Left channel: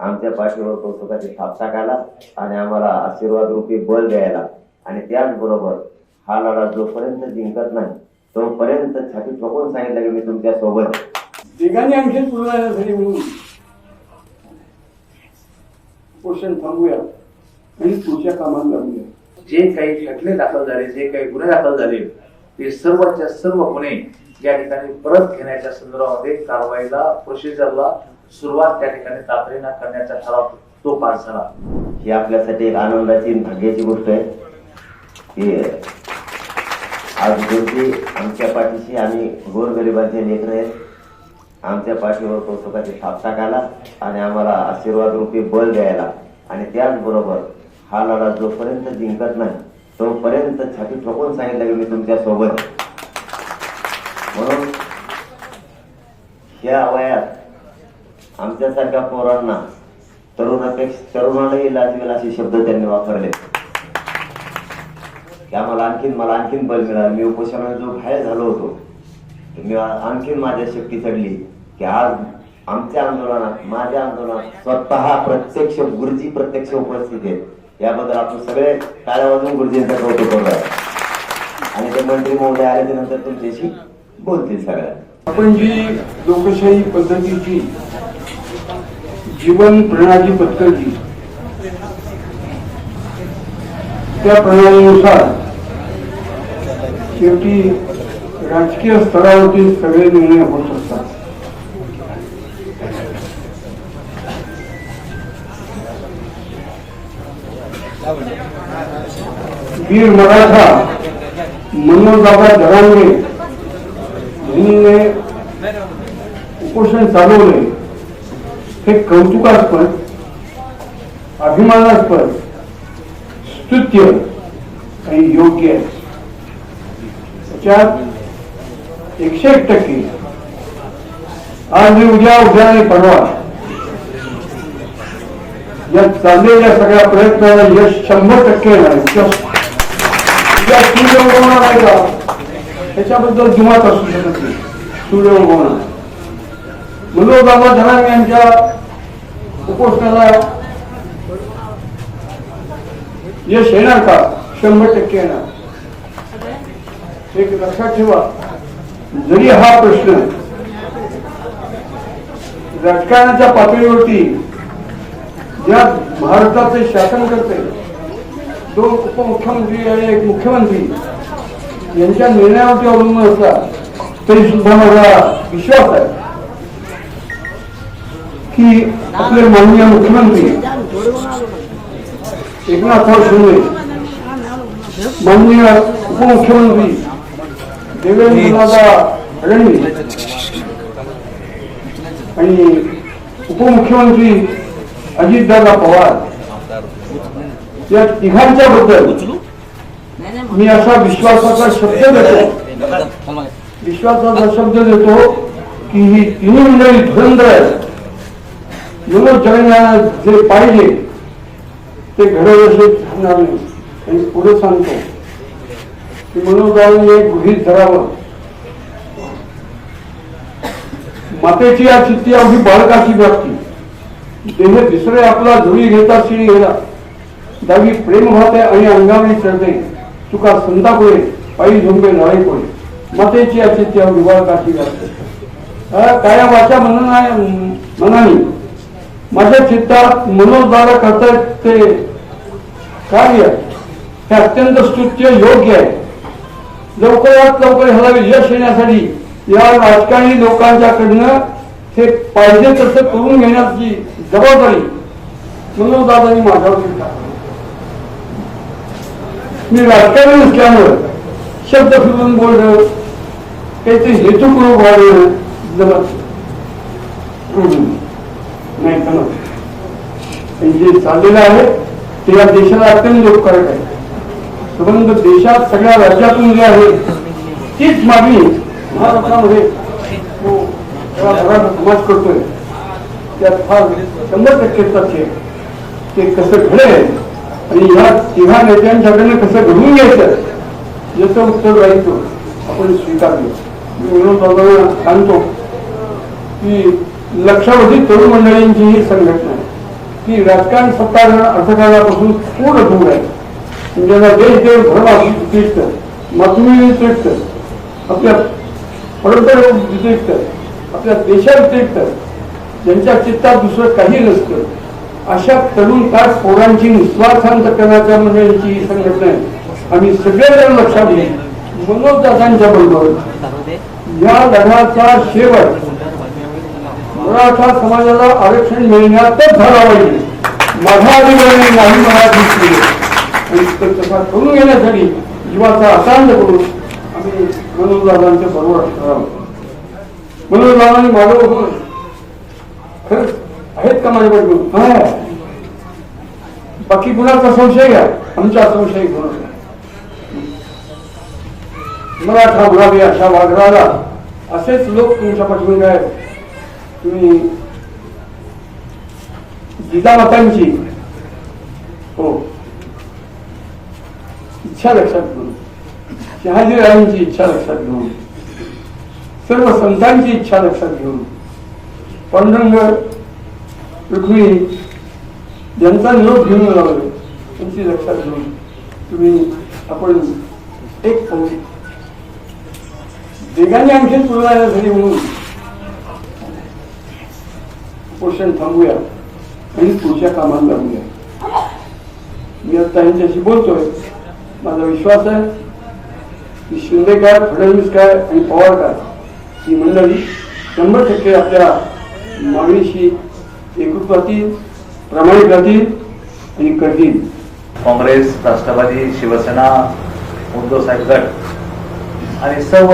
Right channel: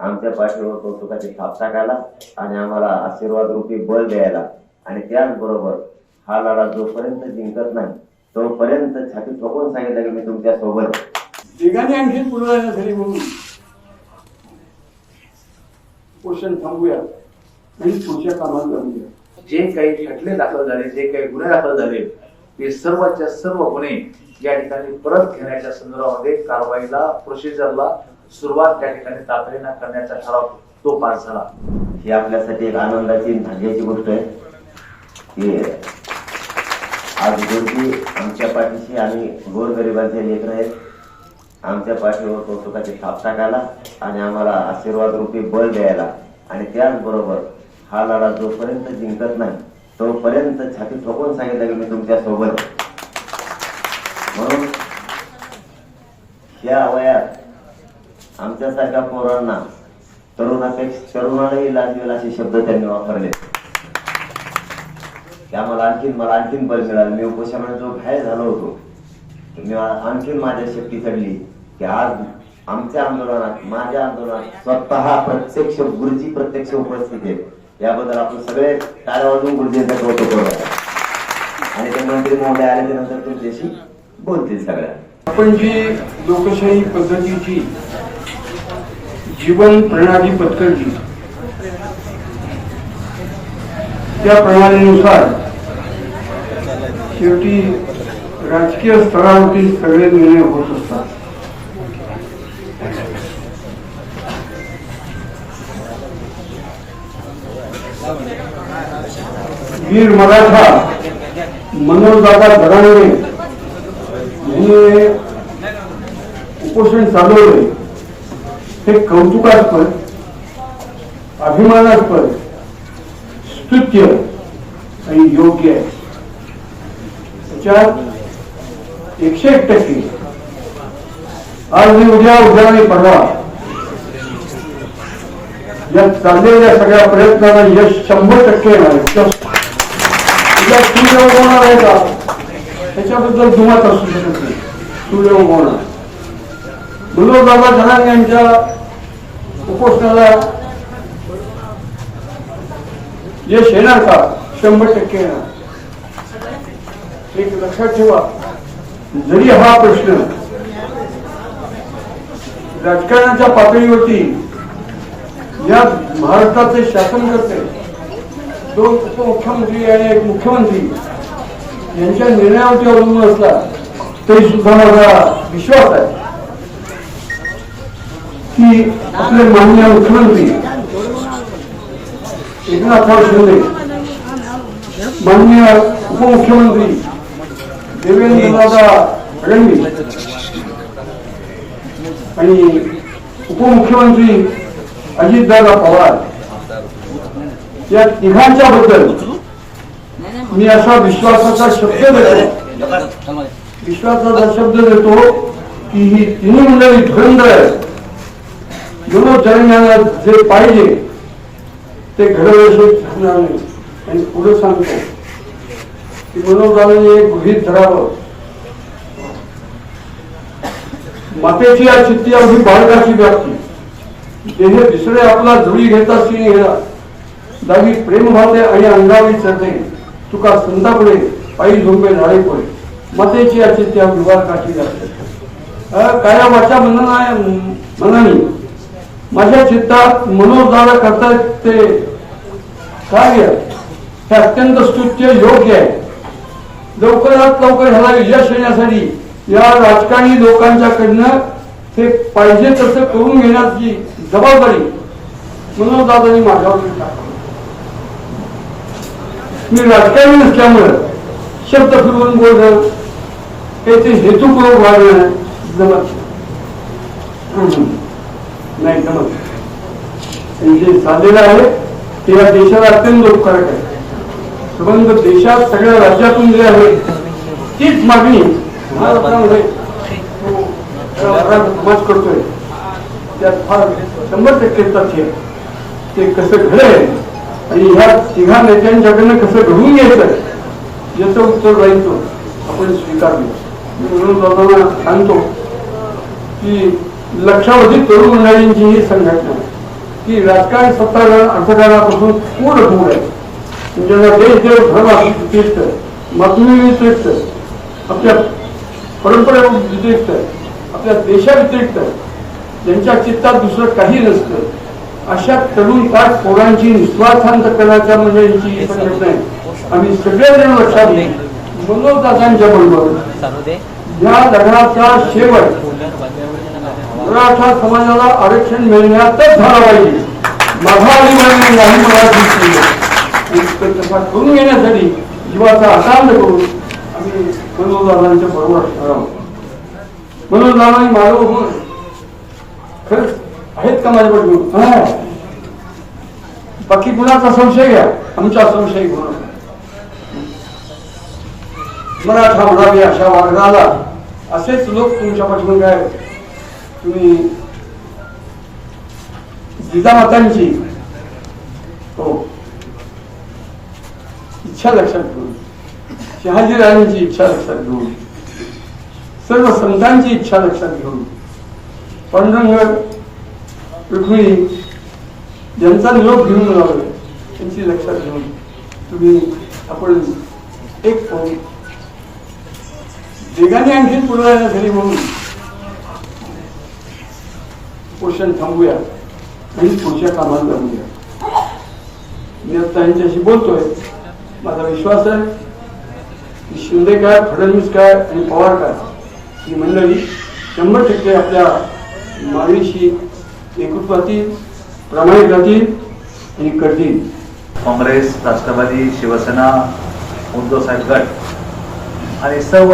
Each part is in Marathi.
आमच्या पाठीवर कौतुकाचे थाप टाकायला आणि आम्हाला आशीर्वाद रूपी बळ द्यायला. आणि त्याचबरोबर हा लढा जोपर्यंत जिंकत नाही तोपर्यंत छाती ठोकून सांगितलं की मी तुमच्यासोबत आणखी म्हणून पोषण थांबूया. आणि पुढच्या कामाला लागूया जे काही खटले दाखल झाले जे काही गुन्हे दाखल झाले ते सर्वच्या सर्व गुन्हे या ठिकाणी परत घेण्याच्या संदर्भामध्ये कारवाईला प्रोसिजरला सुरुवात त्या ठिकाणी तातडीनं करण्याचा ठराव तो पास झाला. ही आपल्यासाठी एक आनंदाची भाग्याची गोष्ट आहे. की आज शेवटी आमच्या पाठीशी आणि गोरगरिबांचे लेकर आहेत. आमच्या पाठीवर कौतुकाचे थाप टाकायला आणि आम्हाला आशीर्वाद रूपी बळ द्यायला. आणि त्याचबरोबर हा लढा जोपर्यंत जिंकत नाही तोपर्यंत छाती ठोकून सांगितलं की मी तुमच्यासोबत म्हणून या वयात आमच्यासारख्या पोरांना तरुणापेक्षा तरुणालाही लाजवेल असे शब्द त्यांनी वापरले. की आम्हाला आणखीन मला आणखीन बल मिळालं. मी उपोषणात जो बाहेर झालो होतो मी आणखीन माझ्या शक्ती चढली की आज आमच्या आंदोलनात माझ्या आंदोलनात स्वतः प्रत्यक्ष गुरुजी प्रत्यक्ष उपस्थित आहेत. याबद्दल आपण सगळे टाळ्या वाजून गुरुजींचं कौतुक करूया आणि ते मंत्री महोदय आल्याच्यानंतर तुमच्याशी बोलतील सगळ्या. आपण जी लोकशाही पद्धतीची जीवन प्रणाली पत्करजी त्या प्रणालीनुसार शेवटी राजकीय स्तरावरती सगळे निर्णय होत असतात. वीर मराठा मनोजदादा धरांगे यांनी उपोषण चालवले. हे कौतुकास्पद अभिमानास्पद स्तुत्य आणि योग्य आहे. त्याच्यात एकशे एक टक्के. आज मी उद्या उद्या नाही परवा या चाललेल्या सगळ्या प्रयत्नाला यश शंभर टक्के येणार आहे. सूर्य उगवणार आहे का? त्याच्याबद्दल जुमात असू शकत नाही. सूर्य उगवणार बाबा धनाग यांच्या उपोषणाला यश येणार का? शंभर टक्के येणार. एक लक्षात ठेवा. जरी हा प्रश्न राजकारणाच्या पातळीवरती या महाराष्ट्राचे शासन करते दोन उपमुख्यमंत्री आणि एक मुख्यमंत्री यांच्या निर्णयावरती अवलंबून असला तरी सुद्धा माझा विश्वास आहे. की आपले माननीय मुख्यमंत्री एकनाथ शिंदे माननीय उपमुख्यमंत्री देवेंद्रदादा फडणवीस आणि उपमुख्यमंत्री अजितदादा पवार या तिघांच्या बद्दल मी असा विश्वासाचा शब्द देतो विश्वासाचा शब्द देतो की ही तिन्ही मंडळी धुरंधर आहेत मनोचरणाला जे पाहिजे ते घडवल्याशिवाय राहणार नाही. आणि पुढे सांगतो की मनोजाने एक गृहित धरावं. मातेची या चित्ती अगदी बाळकाची व्याप्ती. देह दुसरे आपला झुळी घेता सिंह घेला दावी प्रेम भाते आणि अंगावी चढते तुका संतापुळे पायी झोंबे नाळे मातेची या चित्ती अवघी बाळकाची व्याप्ती. काया वाचा म्हणा मनाने माझ्या चित्तात मनोजदादा करतायत ते कार्य हे अत्यंत स्तुत्य योग्य आहे लवकरात लवकर ह्याला यश येण्यासाठी या राजकारणी लोकांच्याकडनं ते पाहिजे तसं करून घेण्याची जबाबदारी मनोजदादांनी माझ्यावर मी राजकारणी नसल्यामुळं शब्द फिरवून बोलणं काहीतरी हेतुपूर्वक वाढवणं जमत हम्म. नाही समज जे झालेलं आहे ते या देशाला अत्यंत उपकारक आहे. परंतु देशात सगळ्या राज्यातून जे आहे तीच मागणी महाराष्ट्रामध्ये हो, समाज करतोय. त्यात फार शंभर टक्के तथ्य आहे. ते कसं घडेल आणि ह्या तिघा नेत्यांच्याकडनं कसं घडून घ्यायचं याचं राहितो आपण स्वीकारलं. म्हणून सांगतो की लक्षावधी तरुण मंडळींची ही संघटना आहे. की राजकारण सत्ताधारण अर्थकारणापासून पूर्ण दूर आहे. ज्यांना देश देव धर्म व्यतिरिक्त मातृ व्यतिरिक्त आपल्या परंपरे व्यतिरिक्त आपल्या देशाव्यतिरिक्त ज्यांच्या चित्तात दुसरं काही नसतं अशा तरुण काळ पोरांची निस्वार्थांत करण्याचा म्हणजे यांची ही संघटना आहे. आम्ही सगळेजण लक्षात घेऊ मनोजदादांच्या बरोबर या लढ्याचा शेवट मराठा समाजाला आरक्षण मिळण्यातच झाला पाहिजे माझा अधिकारी नाही मला दिसली. करून घेण्यासाठी जीवाचा आकांड करून आम्ही मनोजदादांच्या बरोबर असणार मनोजदादांनी माझं खरंच आहेत का माझ्या बरोबर हा. बाकी कुणाचा संशय घ्या? आमचा संशय कुणाचा? मराठा म्हणावे अशा वागणाला असेच लोक तुमच्या पाठवून आहेत. तुम्ही जिजामातांची हो इच्छा लक्षात घेऊन शहाजीराजांची इच्छा लक्षात घेऊन सर्व संतांची इच्छा लक्षात घेऊन पांडुरंग रुक्मिणी ज्यांचा निरोप घेऊन लावलं त्यांची लक्षात घेऊन तुम्ही आपण एक पाऊल. वेगाने आणखी पूर्ण झाली म्हणून पोषण थांबूया आणि पुढच्या कामाला लागूया. मी आता यांच्याशी बोलतोय. माझा विश्वास आहे की शिंदे काय फडणवीस काय आणि पवार काय ही मंडळी शंभर टक्के आपल्या मागणीशी एकूप राहतील प्रामाणिक राहतील आणि करतील. काँग्रेस राष्ट्रवादी शिवसेना उद्धव साहेब गट आणि सर्व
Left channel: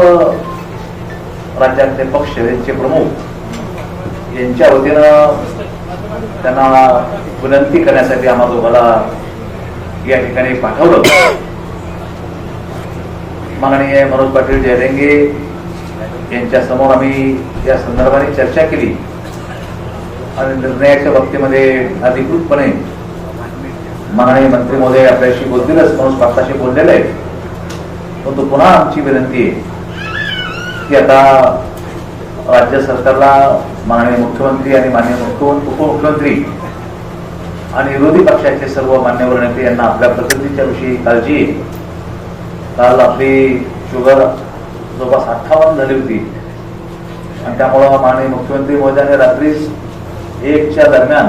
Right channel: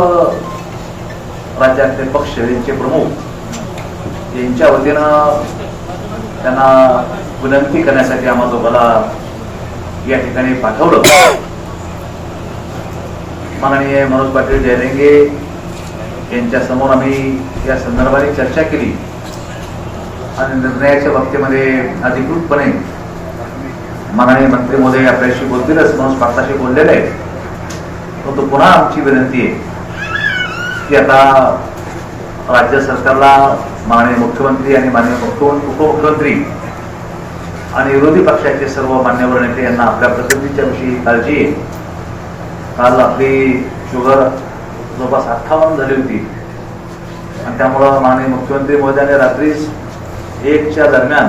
राज्यातले पक्ष यांचे प्रमुख यांच्या वतीनं त्यांना विनंती करण्यासाठी आम्हाला दोघाला या ठिकाणी पाठवलं. माननीय मनोज पाटील जयरेंगे यांच्या समोर आम्ही या संदर्भाने चर्चा केली आणि निर्णयाच्या बाबतीमध्ये अधिकृतपणे माननीय मंत्री महोदय आपल्याशी बोलतीलच म्हणून पाटलाशी बोललेले आहेत. परंतु पुन्हा आमची विनंती आहे की आता राज्य सरकारला माननीय मुख्यमंत्री आणि माननीय मुख्य- उपमुख्यमंत्री आणि विरोधी पक्षाचे सर्व मान्यवर नेते यांना आपल्या प्रकृतीच्या विषयी काळजी काल आपली शुगर जवळपास अठ्ठावन्न झाली होती. आणि त्यामुळं माननीय मुख्यमंत्री महोदयाने रात्री एकच्या दरम्यान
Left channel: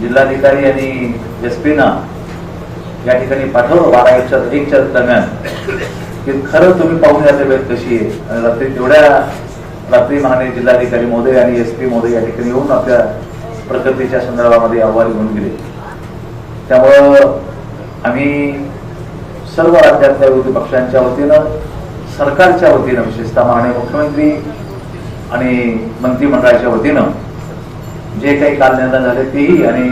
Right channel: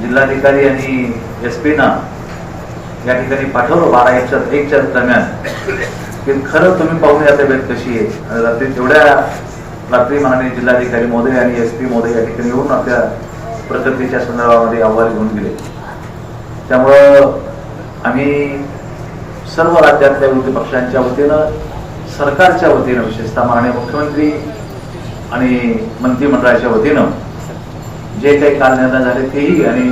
जिल्हाधिकारी आणि एस ना या ठिकाणी पाठवलं बारा एकच्या एकच्या दरम्यान. की खरं तुम्ही पाहून या तब्येत कशी आहे? आणि रात्री तेवढ्या रात्री महाने जिल्हाधिकारी महोदय आणि एस पी महोदय या ठिकाणी येऊन आपल्या प्रकृतीच्या संदर्भामध्ये अहवाल घेऊन गेले. त्यामुळं आम्ही सर्व राज्यातल्या विरोधी पक्षांच्या वतीनं सरकारच्या वतीनं विशेषतः माननीय मुख्यमंत्री आणि मंत्रिमंडळाच्या वतीनं जे काही काल निर्णय झाले तेही आणि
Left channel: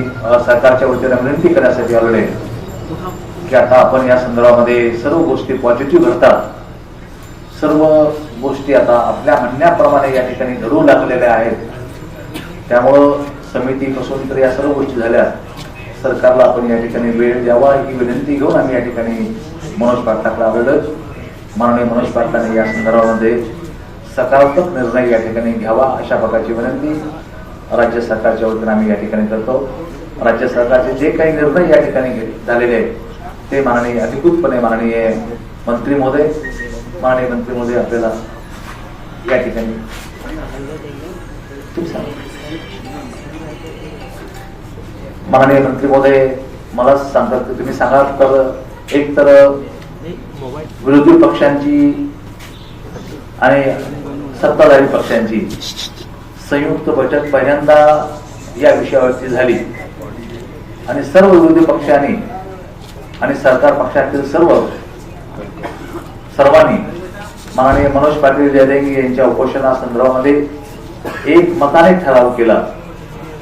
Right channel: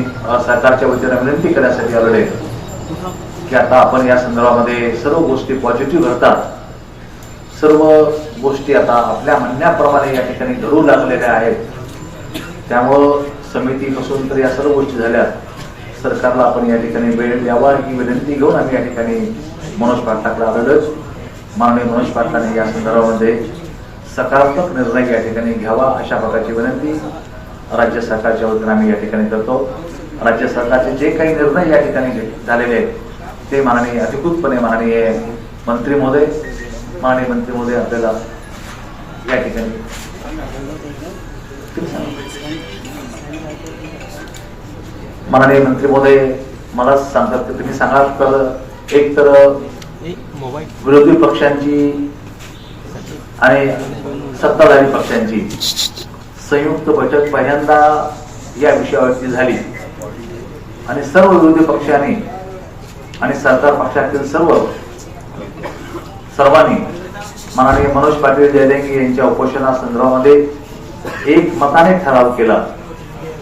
सरकारच्या वतीनं विनंती करण्यासाठी आलेले आहे की आता आपण या संदर्भामध्ये सर्व गोष्टी पॉझिटिव्ह घडतात सर्व गोष्टी आता आपल्या म्हणण्याप्रमाणे या ठिकाणी घडू लागलेल्या आहेत. त्यामुळं समिती बसून तर या सर्व गोष्टी झाल्या. सरकारला आपण या ठिकाणी वेळ द्यावा ही विनंती घेऊन आम्ही या ठिकाणी मनोज पाटलाकडे आलेलोच. माननीय मनोज पाटलाने या संदर्भामध्ये सकारात्मक निर्णय या ठिकाणी घ्यावा अशा प्रकारची विनंती. राज्य सरकारच्या वतीनं आम्ही या ठिकाणी करतो. राज्य सरकारचे जे काही निर्णय या ठिकाणी झालेले आहेत ते माननीय अधिकृतपणे माननीय मंत्री महोदय माननीय मंत्री महोदय आपल्याला या ठिकाणी तुम्ही माननीय मंत्री महोदय मला सांगतात की तुम्ही सांगा तर एक तर विरोधी पक्षांची आणि सत्ताधारी पक्षांची संयुक्त बैठक पहिल्यांदा या विषयावरती झाली. आणि सर्व विरोधी पक्षांनी आणि सरकार पक्षातील सर्व सर्वांनी माननीय मनोज पाटील जयदेंगी यांच्या उपोषणासंदर्भामध्ये एक मताने ठराव केला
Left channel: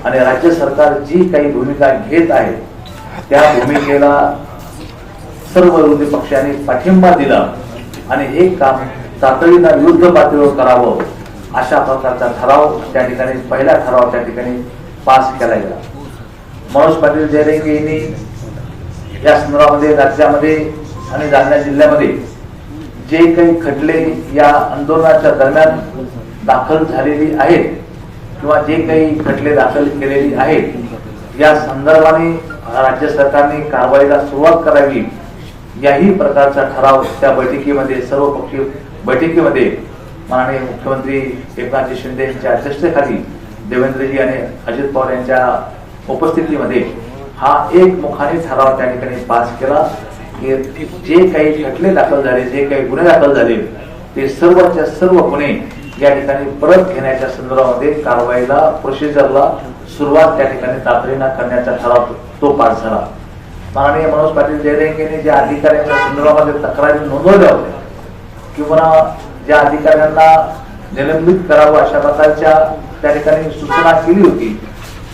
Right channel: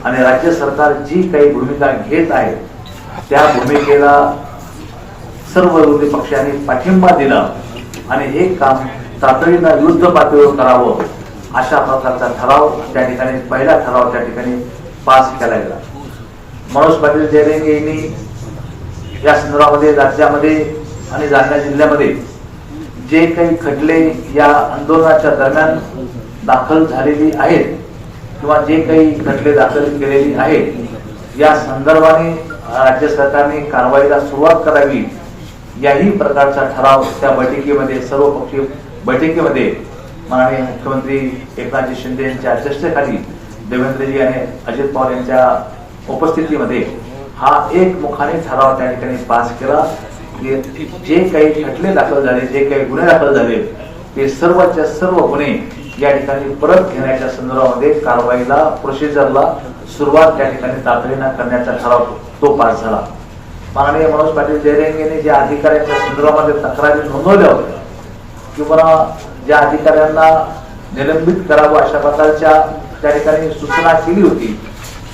आणि राज्य सरकार जी काही भूमिका घेत आहे त्या भूमिकेला सर्व विरोधी पक्षांनी पाठिंबा दिला आणि हे काम तातडीनं युद्ध पातळीवर करावं अशा प्रकारचा ठराव त्या ठिकाणी पहिला ठराव त्या ठिकाणी पास केला गेला. मनोज पाटील जयलेंगे यांनी या संदर्भामध्ये राज्यामध्ये आणि जालना जिल्ह्यामध्ये जे काही खटले या आंदोलनाच्या दरम्यान दाखल झालेली आहेत किंवा जे काही खटले दाखल केलेली आहेत या संदर्भाने राज्य सरकारने कारवाईला सुरुवात करावी. याही प्रकारचा ठराव त्या बैठकीमध्ये सर्व पक्षीय बैठकीमध्ये माननीय मुख्यमंत्री एकनाथजी शिंदे यांच्या अध्यक्षतेखाली देवेंद्रजी आणि अजित पवार यांच्या उपस्थितीमध्ये हा एक मुखाने ठराव त्या ठिकाणी पास केला. जे काही खटले दाखल झाले जे काही गुन्हे दाखल झाले ते सर्वच्या सर्व गुन्हे या ठिकाणी परत घेण्याच्या संदर्भामध्ये कारवाईला प्रोसिजरला सुरुवात त्या ठिकाणी तातडीनं करण्याचा ठराव तो पास झाला. माननीय मनोज पाटील जयरेंगेने ज्या अधिकाऱ्यांच्या संदर्भामध्ये तक्रारी नोंदवल्या होत्या किंवा ज्या अधिकाऱ्यांना निलंबित करावं अशा प्रकारच्या त्या ठिकाणी सूचना केली होती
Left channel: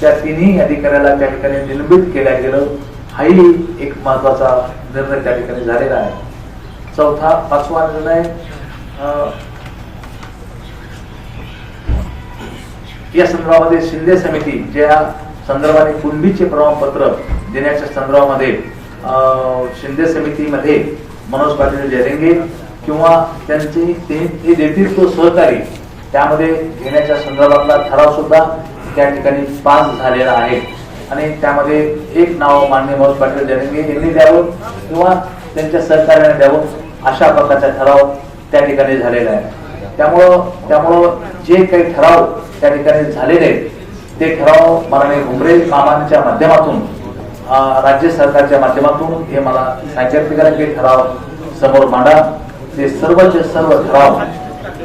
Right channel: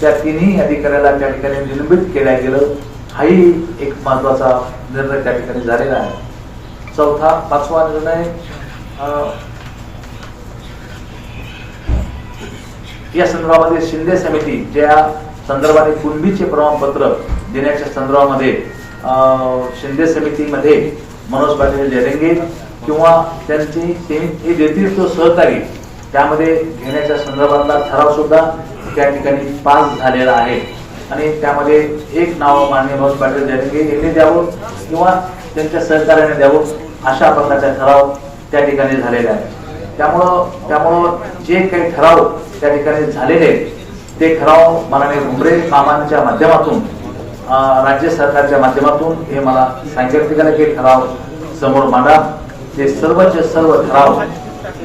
त्या तिन्ही अधिकाऱ्याला त्या ठिकाणी निलंबित केल्या गेलं. हाही एक महत्त्वाचा निर्णय त्या ठिकाणी झालेला आहे. चौथा पाचवा निर्णय या संदर्भामध्ये शिंदे समिती ज्या संदर्भाने कुंभीचे प्रमाणपत्र देण्याच्या संदर्भामध्ये अं, शिंदे समितीमध्ये मनोज पाटील जयरंगे किंवा त्यांची ते ते देतील तो सहकारी त्यामध्ये घेण्याच्या संदर्भातला ठराव सुद्धा त्या ठिकाणी पास झालेला आहे. आणि त्यामध्ये एक नाव मान्य मनोज पाटील यांनी द्यावं किंवा त्यांच्या सहकार्याने द्यावं अशा प्रकारचा ठराव त्या ठिकाणी झालेला आहे. त्यामुळं त्यामुळं जे काही ठराव त्या ठिकाणी झालेले आहेत ते ठराव माननीय घुमरे कामांच्या माध्यमातून राज्य सरकारच्या माध्यमातून हे मला सांगितलं गेलं की ठराव समोर मांडा. ते सर्वचे सर्व ठराव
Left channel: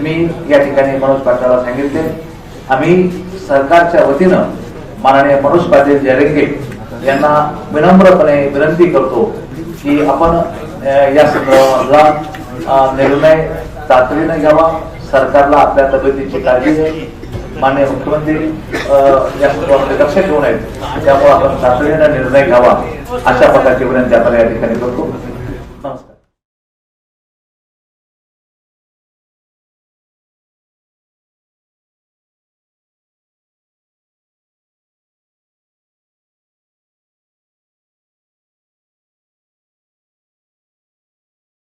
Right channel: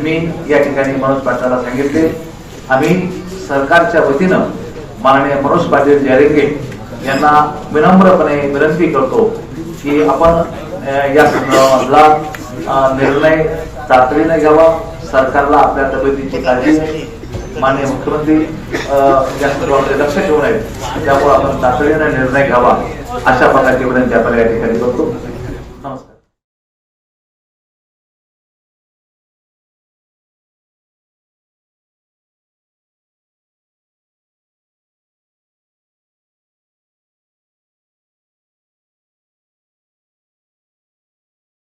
मी या ठिकाणी मनोज पाटलाला सांगितले. आम्ही सरकारच्या वतीनं माननीय मनोज पाटील जयरंगे यांना विनम्रपणे विनंती करतो की आपण या संदर्भामधला निर्णय तातडीने घ्यावा. सरकारला आपल्या तब्येतीची काळजी घ्यावी. माननीय मुख्यमंत्री अं, या संदर्भामध्ये लक्ष ठेवून आहेत त्यामुळे आपण तातडीने निर्णय घ्यावा अशा प्रकारची विनंती आपण या ठिकाणी करतो.